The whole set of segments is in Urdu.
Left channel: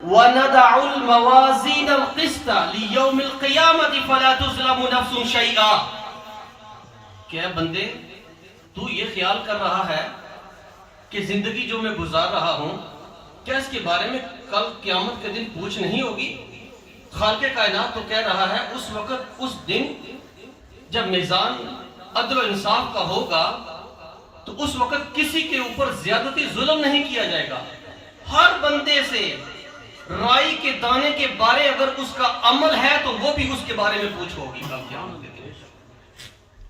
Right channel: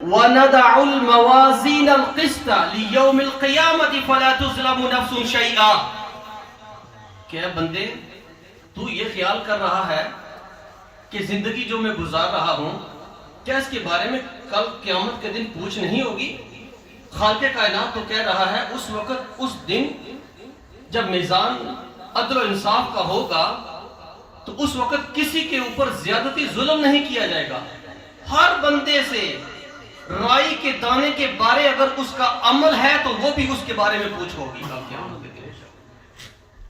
وَنَدَعُ الْمَوَازِينَ الْقِسْطَ لِيَوْمِ الْقِيَامَةِ فَلَا تُظْلَمُ نَفْسٌ شَيْئًا. کہ اے بندے، تو یہ خیال کر رہا ہے کہ زندگی جو میں گزار رہا ہوں، کیا اس کے بارے میں کل قیامت کے دن پوچھ نہیں ہوگی؟ خالق کائنات تو کہہ رہا ہے اس وقت، اس دن جب میزان عدل و انصاف کا ہوگا تو اس وقت کسی کے اوپر زیادتی ظلم نہیں کیا جائے گا. ہر بندے سے رائی کے دانے کے بارے اگر اس کا عمل ہے تو وہ بھی اس کے بارے میں پوچھ ہوگی کل قیامت کے دن.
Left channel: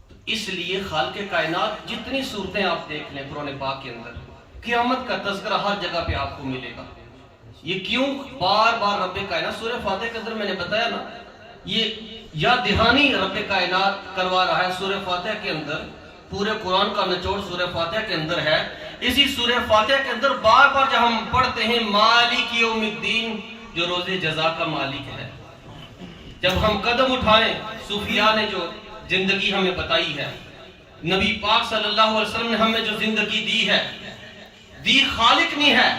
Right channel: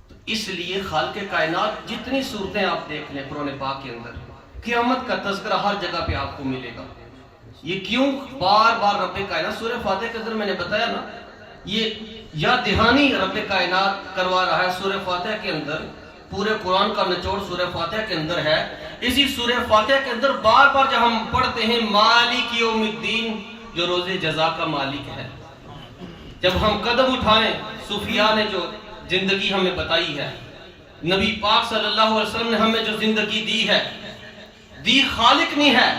تو اس لیے خالق کائنات جتنی صورتیں آپ دیکھ لیں قرآن پاک کے اندر، قیامت کا تذکرہ ہر جگہ پہ آپ کو ملے گا. یہ کیوں بار بار رب کائنات، سورہ فاتحہ کے اندر میں نے بتایا نا، یہ یاد دہانی رب کائنات کروا رہا ہے سورہ فاتحہ کے اندر. پورے قرآن کا نچوڑ سورہ فاتحہ کے اندر ہے. اسی سورہ فاتحہ کے اندر بار بار جب ہم پڑھتے ہیں مالک یوم الدین، جو روز جزا کا مالک ہے، جب ہم قدم اٹھائیں، صوفیاء نے جو زندگی ہمیں بتائی ہے، نبی پاک صلی اللہ علیہ وسلم نے ہمیں جو زندگی دی ہے، دی خالق نہیں ہے،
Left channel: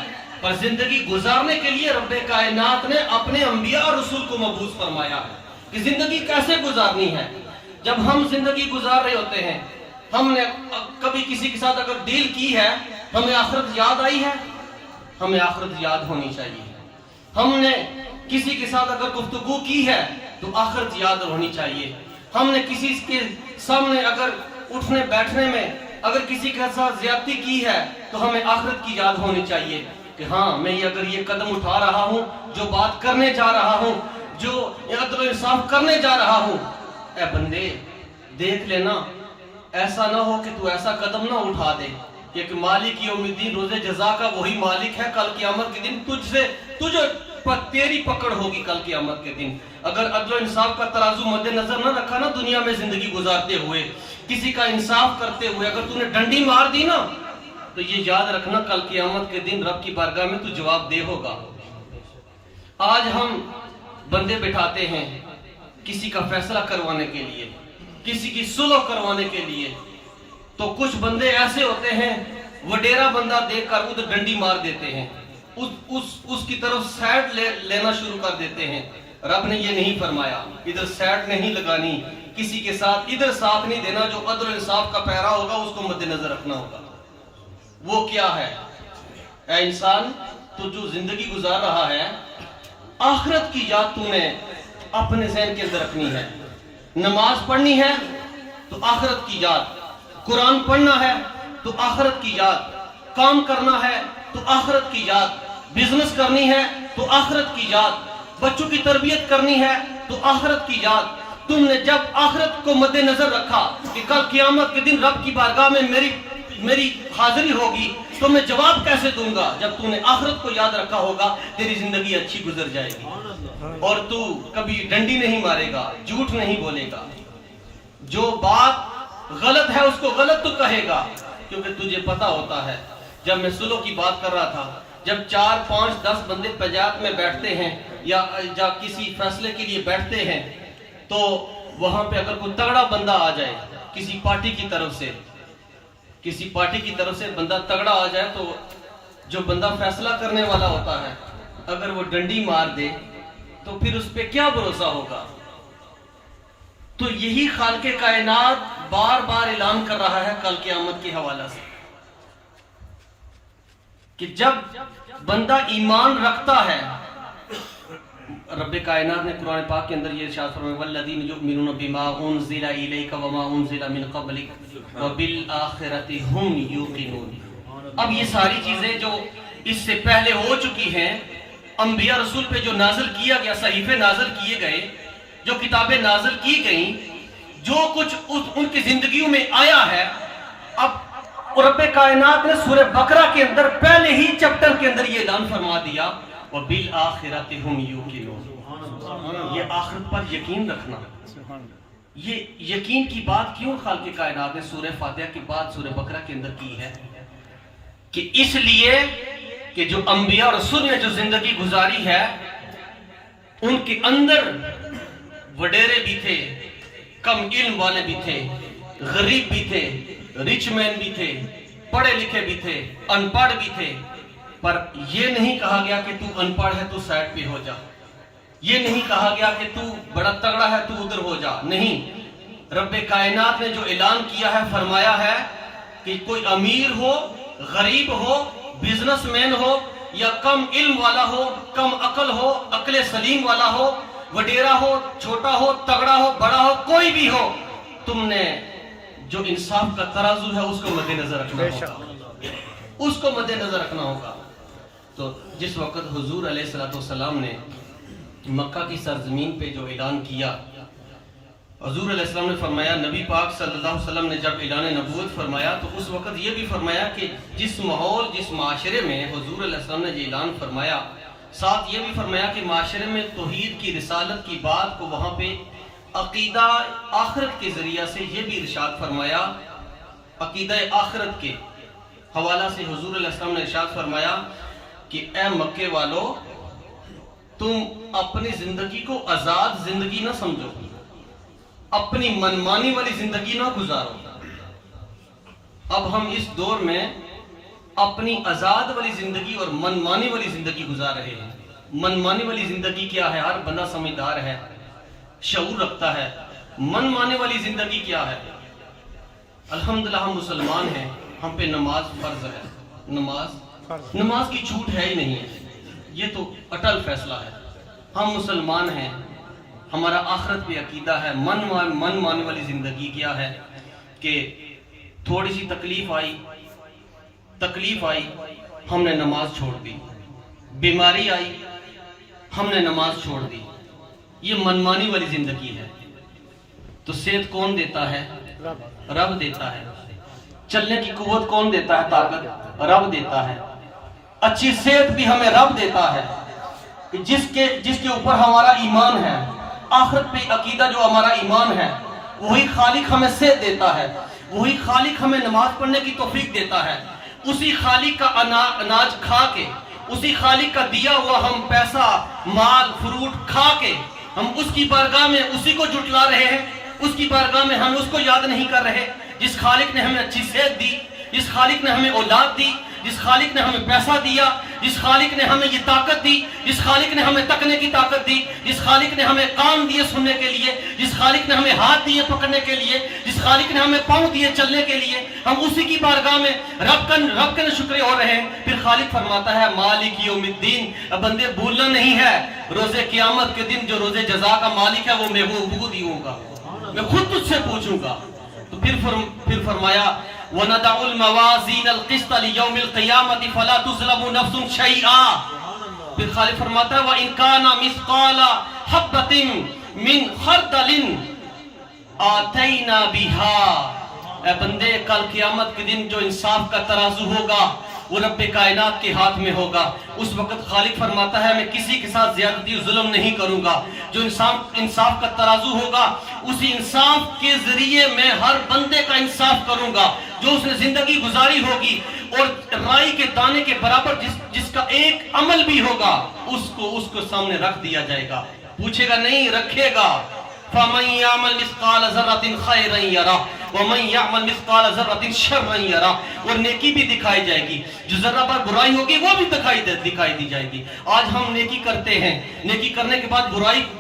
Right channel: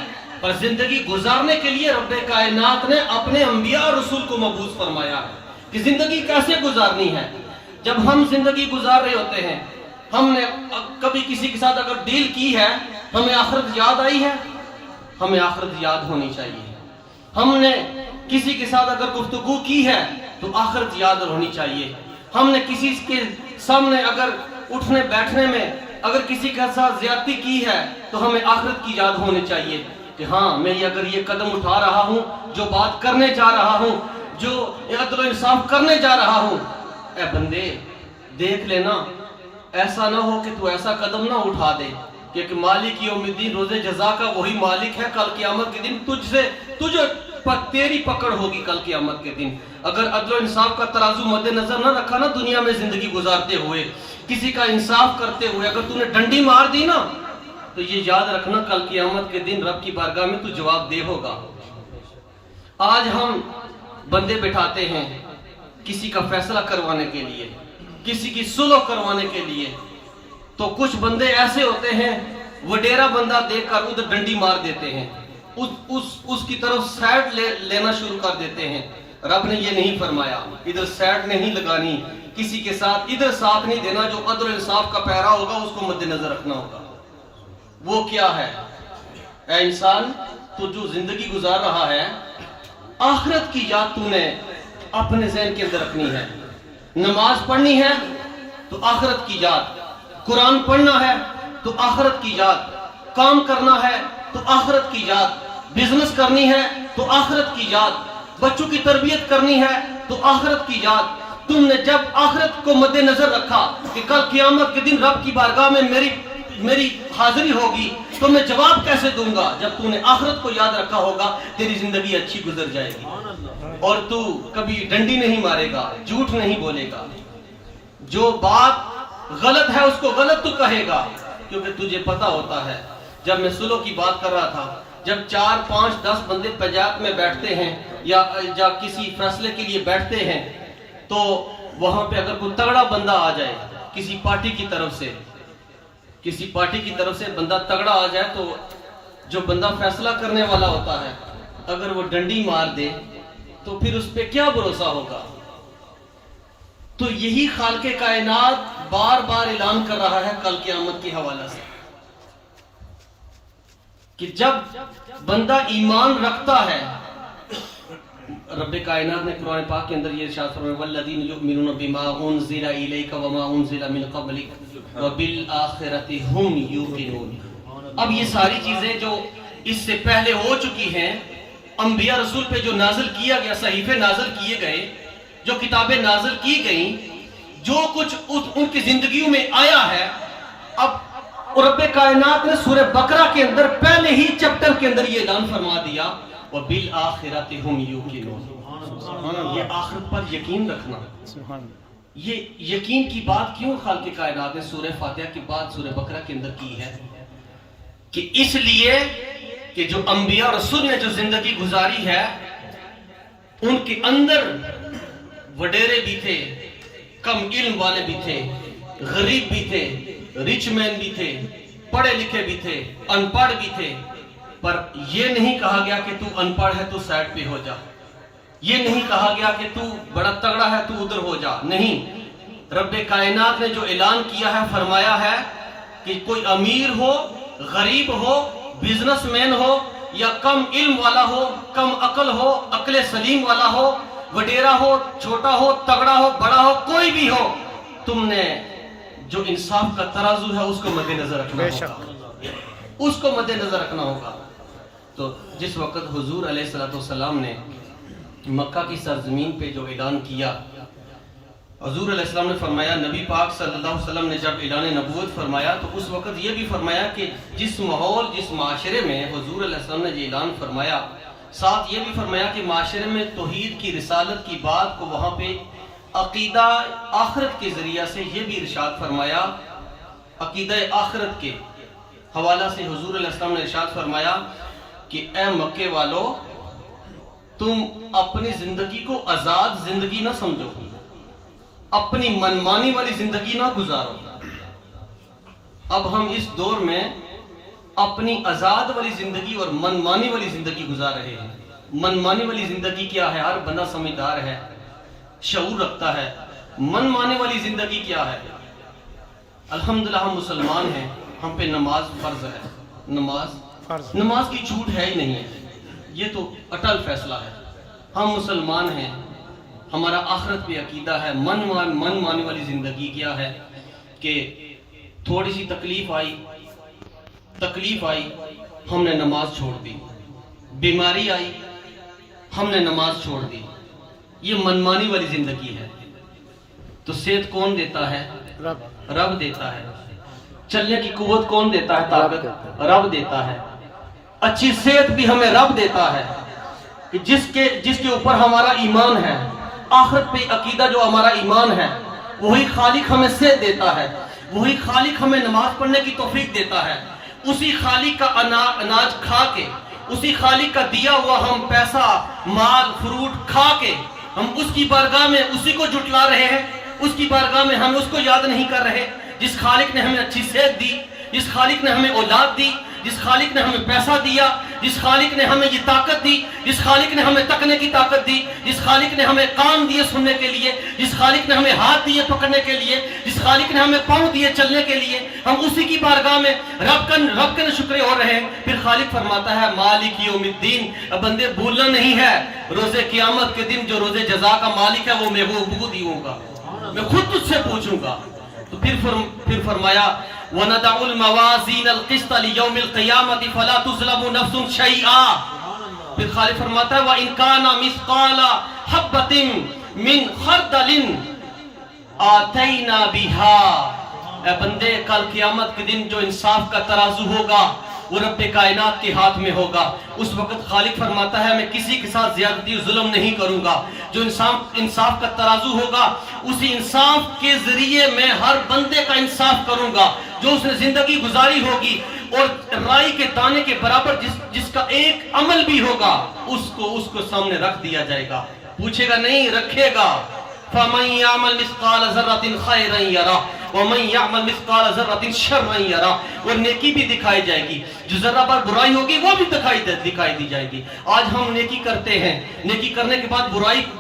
پر زندگی گزارنے کے لیے رب کائنات نے اپنے انبیاء اور رسول کو مبعوث فرمایا ہے کہ زندگی کیسے گزارنی ہے. جب ہم زندگی گزار رہے ہوتے ہیں، ہم نے کبھی کسی کے ساتھ اگر ڈیل کی ہے، ہمیں آخرت یاد آئی ہے، ہمیں آخرت یاد ہونی چاہیے. ہم نے کسی کے ساتھ اگر گفتگو کی ہے تو آخرت یاد ہونی چاہیے. ہم نے کسی کے سامنے اگر اٹھنے بیٹھنے میں اگر کسی کے ساتھ زیادتی کی ہے تو ہمیں آخرت کی یاد ہونی چاہیے کہ ہاں میں اگر یہ قدم اٹھا رہا ہوں، جو بات کرنے جا رہا ہوں، جو عدل و انصاف کرنے جا رہا ہوں، اے بندے دیکھ لینا، ایسا نہ ہو کہ تو ایسا قدم نہ اٹھا دے کہ مالک یوم الدین، روز جزا کا وہی مالک ہے. کل قیامت کے دن تیری پکڑ ہوگی. کل قیامت کے دن اگر عدل و انصاف کا ترازو مد نظر نہ رکھا نا، دنیا میں زندگی گزارتے ہوئے کسی کا انصاف کرتے ہوئے اگر تو نے ڈنڈی مار دی نا، تو یہ یاد رکھنا کل قیامت کے دن رب کی بارگاہ میں تو جواب دہ ہوگا. آج ہم بندے بٹھاتے ہیں کسی کا فیصلہ کروانے کے لیے، کسی کی صلح کروانے کے لیے، تو کچھ بندے ایسے ہوتے ہیں وڈیرا بندہ دیکھ کر ادھر ڈنڈی مار دیتے ہیں، اس کی طرف سائڈ لینا شروع کر دیتے ہیں. رب نے یہ نہیں فرمایا، ادھر سائڈ نہیں لگانی، کسی کے ساتھ ادھر ساتھ نہیں دینا. جو عدل و انصاف کا پیرا ہوگا اس کو مد نظر رکھنا ہوگا. وہ کیا ہے؟ اے انسان، تو جو زندگی گزار رہا ہے، آخرت کی یاد تو نے اپنے ذہن کے اندر رکھنی ہے. نماز پڑھنی ہے تو آخرت کی یاد، قرآن پڑھنا ہے تو آخرت کی یاد، کام کرنا ہے تو آخرت کی یاد، بزنس کرنی ہے تو آخرت کی یاد، بچوں کی تربیت کرنی ہے تو آخرت کی یاد. تم نے جب آخرت کو مد نظر رکھا کہ کل قیامت کے دن رب کی بارگاہ میں میری حاضری ہوگی تو میں جواب کیسے دوں گا، جب تم نے آخرت کو یاد رکھا ہوگا تیری زندگی اچھی گزر جائے گی اور تو کبھی ڈنڈی نہیں مارے گا، جھوٹ نہیں بولے گا. جو بات غلط ہے اس کو غلط تو کہے گا، کیونکہ تجھے پتا ہوتا ہے. جب میں صلح کی بات کر رہا تھا، جب 4 5 10 بندے پنجاب میں بیٹھتے ہیں یا کسی فیصلے کے لیے بیٹھتے ہیں، تو وہاں پہ اگر کوئی تگڑا بندہ آ جائے کسی پارٹی کی طرف سے بندہ تگڑا آ جائے، تو جو بندہ فیصلہ کرنے والا ہوتا ہے اگر وہ ڈنڈی مار دے تو پھر اس پہ کیا بھروسہ ہوگا. تو یہی خالق کائنات بار بار اعلان کر رہا ہے کل قیامت کے حوالہ سے کہ جب بندہ ایمان رکھتا ہے. رب کائنات نے قرآن پاک کے اندر یہ ارشاد فرمایا والذین یؤمنون بما انزل الیک وما انزل من قبلک وبالآخرۃ هم یوقنون. اب یہ ساری چیزیں جو اس سے پہلے ہو چکی ہیں، انبیاء رسول پہ جو نازل کیا گیا، صحیفے نازل کیے گئے، جو کتابیں نازل کی گئیں، جو کچھ ان کی زندگیوں میں آیا ہے، اب رب کائنات نے سورہ بقرہ کے اندر پہلے ہی چپٹر کے اندر یہ اعلان فرما دیا وَبِالْآخِرَةِ هُمْ يُوقِنُونَ. یہ آخرت پر یقین رکھنا. یہ یقین کی بات کیوں خالق کائنات نے سورہ فاتحہ کے بعد سورہ بقرہ کے اندر کی ہے؟ کہ اس لیے کہ جو انبیاء رسول نے جو زندگی گزاری ہے، ان کے اندر وڈیرے بھی تھے، کم علم والے بھی تھے، غریب بھی تھے، رچ مین بھی تھے، پڑھے لکھے بھی تھے، ان پڑھ بھی تھے. پر یہ نہیں کہا گیا کہ تو ان پڑھ ہے تو سائڈ پہ ہو جا، یہ نہیں کہا گیا کہ تو بڑا تگڑا ہے تو ادھر ہو جا، نہیں، رب کائنات نے جو اعلان کیا ہے، فرمایا ہے کہ کوئی امیر ہو، غریب ہو، بزنس مین ہو، یا کم علم والا ہو، کم عقل ہو، عقل سلیم والا ہو، وڈیرا ہو، چھوٹا ہو، تگڑا ہو، بڑا ہو، کوئی بھی ہو، تم نے جو انصاف کا ترازو ہے اس کو مد نظر رکھنا ہوگا، اس کو مد نظر رکھنا ہوگا۔ تو جس وقت حضور علیہ السلام نے مکہ کی سرزمین پہ جو اعلان کیا، حضور علیہ السلام نے فرمایا، نبی پاک صلی اللہ علیہ وسلم نے جب اعلان نبوت فرمایا تو اس وقت یہ بھی فرمایا کہ جس ماحول، جس معاشرے میں حضور علیہ السلام نے یہ اعلان فرمایا، ساتھ یہ بھی فرمایا کہ معاشرے میں توحید کی، رسالت کی بات کو وہاں پہ عقیدہ آخرت کے ذریعہ سے یہ بھی ارشاد فرمایا، عقیدہ آخرت کے حوالہ سے حضور علیہ السلام نے ارشاد فرمایا کہ اے مکے والو، تم اپنی زندگی کو آزاد زندگی نہ سمجھو، اپنی منمانی والی زندگی نہ گزارو۔ اب ہم اس دور میں اپنی آزاد والی زندگی اور منمانی والی زندگی گزار رہے ہیں۔ منمانی والی زندگی کیا ہے؟ ہر بندہ سمجھدار ہے، شعور رکھتا ہے۔ منمانے والی زندگی کیا ہے؟ الحمدللہ ہم مسلمان ہیں، ہم پہ نماز فرض ہے، نماز کی چھوٹ ہے ہی نہیں ہے، یہ تو اٹل فیصلہ ہے۔ ہم مسلمان ہیں، ہمارا آخرت پہ عقیدہ ہے۔ من مانی والی زندگی کیا ہے کہ تھوڑی سی تکلیف آئی ہم نے نماز چھوڑ دی، بیماری آئی ہم نے نماز چھوڑ دی، یہ منمانی والی زندگی ہے۔ تو صحت کون دیتا ہے؟ رب دیتا ہے۔ چلنے کی قوت کون دیتا ہے؟ طاقت رب دیتا ہے۔ اچھی صحت بھی ہمیں رب دیتا ہے، کہ جس کے اوپر ہمارا ایمان ہے، آخرت پہ عقیدہ جو ہمارا ایمان ہے، وہی خالق ہمیں صحت دیتا ہے، وہی خالق ہمیں نماز پڑھنے کی توفیق دیتا ہے۔ اسی خالق کا اناج کھا کے، اسی خالق کا دیا ہوا ہم پیسہ، مال، فروٹ کھا کے ہم اس کی بارگاہ میں اسی کو جھٹلا رہے ہیں، اس کی بارگاہ میں ہم اس کو یاد نہیں کر رہے، جس خالق نے ہمیں اچھی صحت دی، جس خالق نے ہمیں اولاد دی، جس خالق نے ہمیں پیسہ دیا، جس خالق نے ہمیں یہ طاقت دی، جس خالق نے ہمیں تکنے کی طاقت دی، جس خالق نے ہمیں کان دیے سننے کے لیے، جس خالق نے ہمیں ہاتھ دیے پکڑنے کے لیے، جس خالق نے ہمیں پاؤں دیے چلنے کے لیے، ہم اسی کی بارگاہ میں رب کا شکر ہو رہے ہیں۔ پھر خالق فرماتا ہے مالک یوم الدین، اب بندے بھولنا نہیں ہے، روز قیامت کے دن جو روز جزا کا مالک ہے وہ میں وہ دیوں گا، میں خود تجھ سے پوچھوں گا۔ تو پھر فرمایا وَنَدَعُ الْمَوَازِينَ الْقِسْطَ لِيَوْمِ الْقِيَامَةِ فَلَا تُظْلَمُ نَفْسٌ شَيْئًا۔ پھر خالق فرماتا ہے وَإِنْ كَانَ مِثْقَالَ حَبَّةٍ مِّنْ خَرْدَلٍ آتَيْنَا بِهَا۔ اے بندے، کل قیامت کے دن جو انصاف کا ترازو ہوگا وہ رب کائنات کے ہاتھ میں ہوگا۔ اس وقت خالق فرماتا ہے میں کسی کے ساتھ زیادتی ظلم نہیں کروں گا۔ جو انصاف کا ترازو ہوگا، اسی انصاف کے ذریعے میں ہر بندے کا انصاف کروں گا۔ جو اس نے زندگی گزاری ہوگی اور رائی کے دانے کے برابر جس کا ایک عمل بھی ہوگا، اس کو سامنے رکھ دیا جائے گا۔ پوچھے گا نہیں، رکھے گا۔ فَمَنْ يَعْمَلْ مِثْقَالَ ذَرَّةٍ خَيْرًا يَرَهُ وَمَنْ يَعْمَلْ مِثْقَالَ ذَرَّةٍ شَرًّا يَرَهُ۔ اور نیکی بھی دکھائی جائے گی، جو ذرہ پر برائی ہوگی وہ بھی دکھائی دی جائے گی۔ آج ہم نیکی کرتے ہیں، نیکی کرنے کے بعد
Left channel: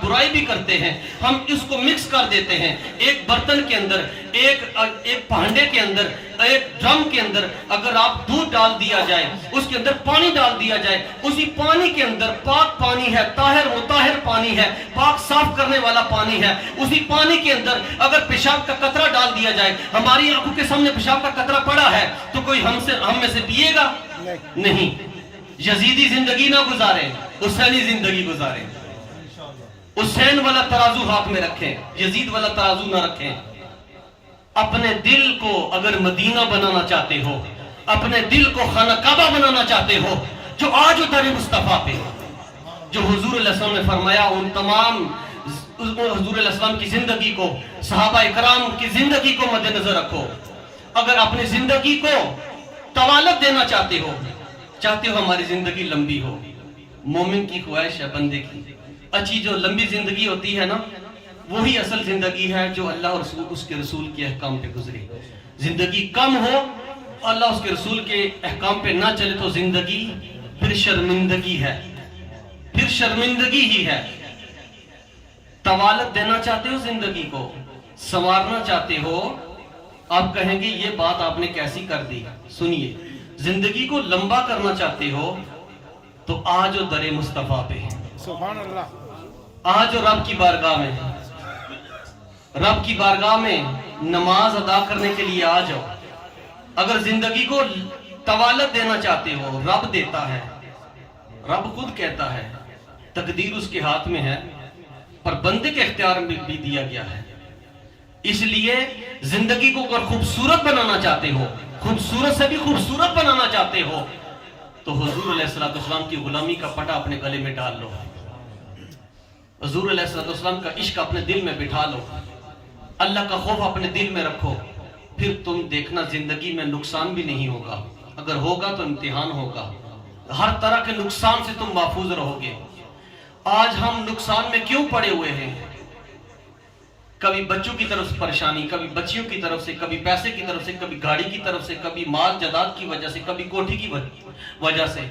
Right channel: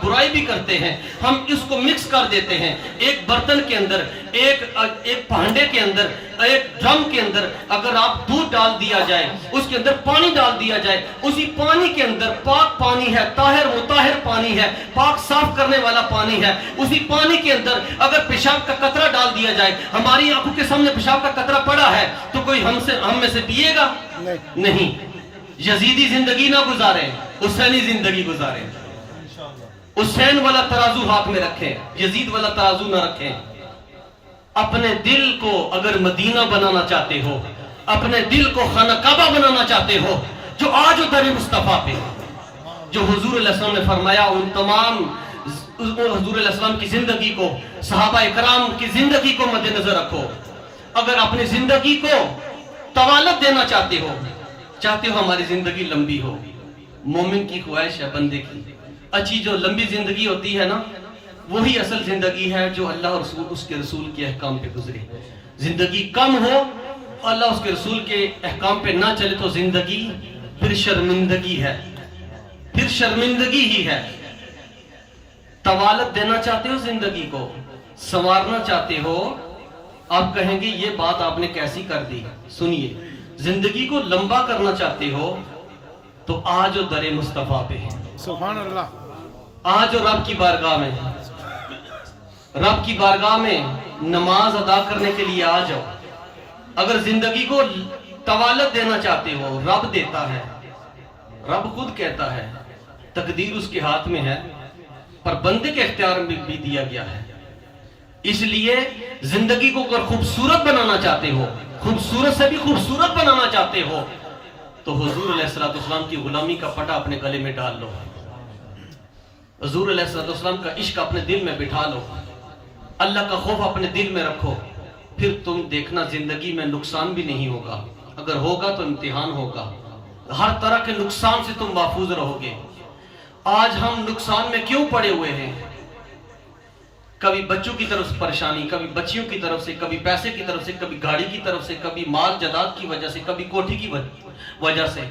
برائی بھی کرتے ہیں، ہم اس کو مکس کر دیتے ہیں۔ ایک برتن کے اندر، ایک بھانڈے کے اندر، ایک ڈرم کے اندر اگر آپ دودھ ڈال دیا جائے، اس کے اندر پانی ڈال دیا جائے، اسی پانی کے اندر پاک پانی ہے، طاہر مطہر پانی ہے، پاک صاف کرنے والا پانی ہے، اسی پانی کے اندر اگر پیشاب کا قطرہ ڈال دیا جائے، ہماری آنکھوں کے سامنے پیشاب کا قطرہ پڑا ہے تو کوئی ہم میں سے پیے گا؟ نہیں۔ یزیدی زندگی نہ گزارے، حسینی زندگی گزارے۔ حسین والا ترازو ہاتھ میں رکھیں، یزید والا ترازو نہ رکھیں۔ اپنے دل کو اگر مدینہ بنانا چاہتے ہو، اپنے دل کو خانہ کعبہ بنانا چاہتے ہو، جو آج در مصطفیٰ پہ جو حضور علیہ السلام نے فرمایا، ان تمام حضور علیہ السلام کی زندگی کو، صحابہ اکرام کی زندگی کو مد نظر رکھو۔ اگر اپنی زندگی کو طوالت دینا چاہتے ہو ہماری زندگی لمبی ہو، مومن کی خواہش ہے بندے کی اچھی جو لمبی زندگی ہوتی ہے نا، وہی اصل زندگی ہے جو اللہ اور اس کے رسول کے احکام پہ گزرے۔ زندگی کم ہو، اللہ اس کے رسول کے احکام پہ نہ چلے تو زندگی پھر شرمندگی ہے، پھر شرمندگی ہی ہے۔ طوالت دینا چاہتے ہو زندگی کو، سنوارنا چاہتے ہو، آپ کہیں گے یہ بات آپ نے کیسی کر دی؟ سنیے، زندگی کو لمبا کرنا چاہتے ہو تو آج و در مصطفیٰ پہ، سبحان اللہ، آج و رب کی بارگاہ میں، رب کی بارگاہ میں نماز ادا کرنے کے لیے آ جاؤ۔ اگر زندگی کو طوالت دینا چاہتے ہو، رب دیتا ہے، رب خود کہتا ہے، تقدیر اس کے ہاتھ میں ہے، پر بندے کے اختیار میں بھی دیا گیا ہے۔ اس لیے زندگی کو اگر خوبصورت بنانا چاہتے ہو، خوبصورت سے بھی خوبصورت بنانا چاہتے ہو، تو حضور علیہ السلام کی غلامی کا پٹا اپنے گلے میں ڈال لو، حضور علیہ السلام کا عشق اپنے دل میں بٹھا لو، اللہ کا خوف اپنے دل میں رکھو، پھر تم دیکھنا زندگی میں نقصان بھی نہیں ہوگا، اگر ہوگا تو امتحان ہوگا، ہر طرح کے نقصان سے تم محفوظ رہو گے۔ آج ہم نقصان میں کیوں پڑے ہوئے ہیں؟ کبھی بچوں کی طرف سے پریشانی، کبھی بچیوں کی طرف سے، کبھی پیسے کی طرف سے، کبھی گاڑی کی طرف سے، کبھی مال جائیداد کی وجہ سے، کبھی کوٹھی کی وجہ سے۔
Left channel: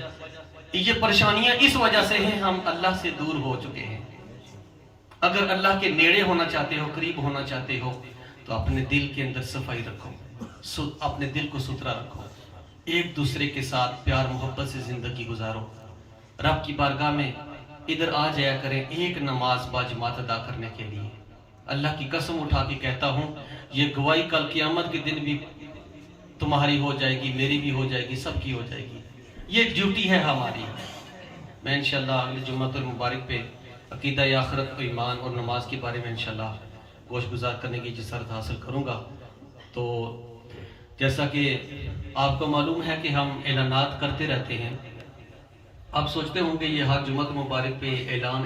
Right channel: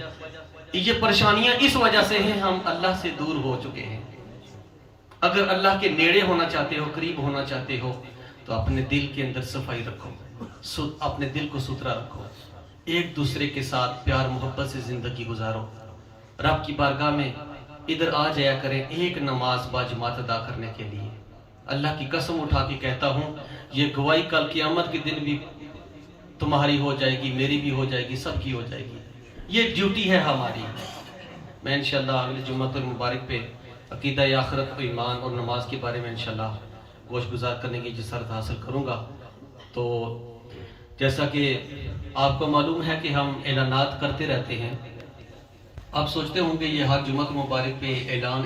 یہ پریشانیاں اس وجہ سے ہیں ہم اللہ سے دور ہو چکے ہیں۔ اگر اللہ کے نیڑے ہونا چاہتے ہو، قریب ہونا چاہتے ہو، تو اپنے دل کے اندر صفائی رکھو، اپنے دل کو ستھرا رکھو، ایک دوسرے کے ساتھ پیار محبت سے زندگی گزارو، رب کی بارگاہ میں ادھر آ جایا کریں ایک نماز با جماعت ادا کرنے کے لیے۔ اللہ کی قسم اٹھا کے کہتا ہوں، یہ گواہی کل قیامت کے دن بھی تمہاری ہو جائے گی، میری بھی ہو جائے گی، سب کی ہو جائے گی۔ یہ ڈیوٹی ہے ہماری۔ میں انشاءاللہ اگلے جمعہ المبارک پہ عقیدہ آخرت و ایمان اور نماز کے بارے میں انشاءاللہ گوش گزار کرنے کی جسارت حاصل کروں گا۔ تو جیسا کہ آپ کو معلوم ہے کہ ہم اعلانات کرتے رہتے ہیں، آپ سوچتے ہوں گے یہ ہر جمعہ مبارک پہ اعلان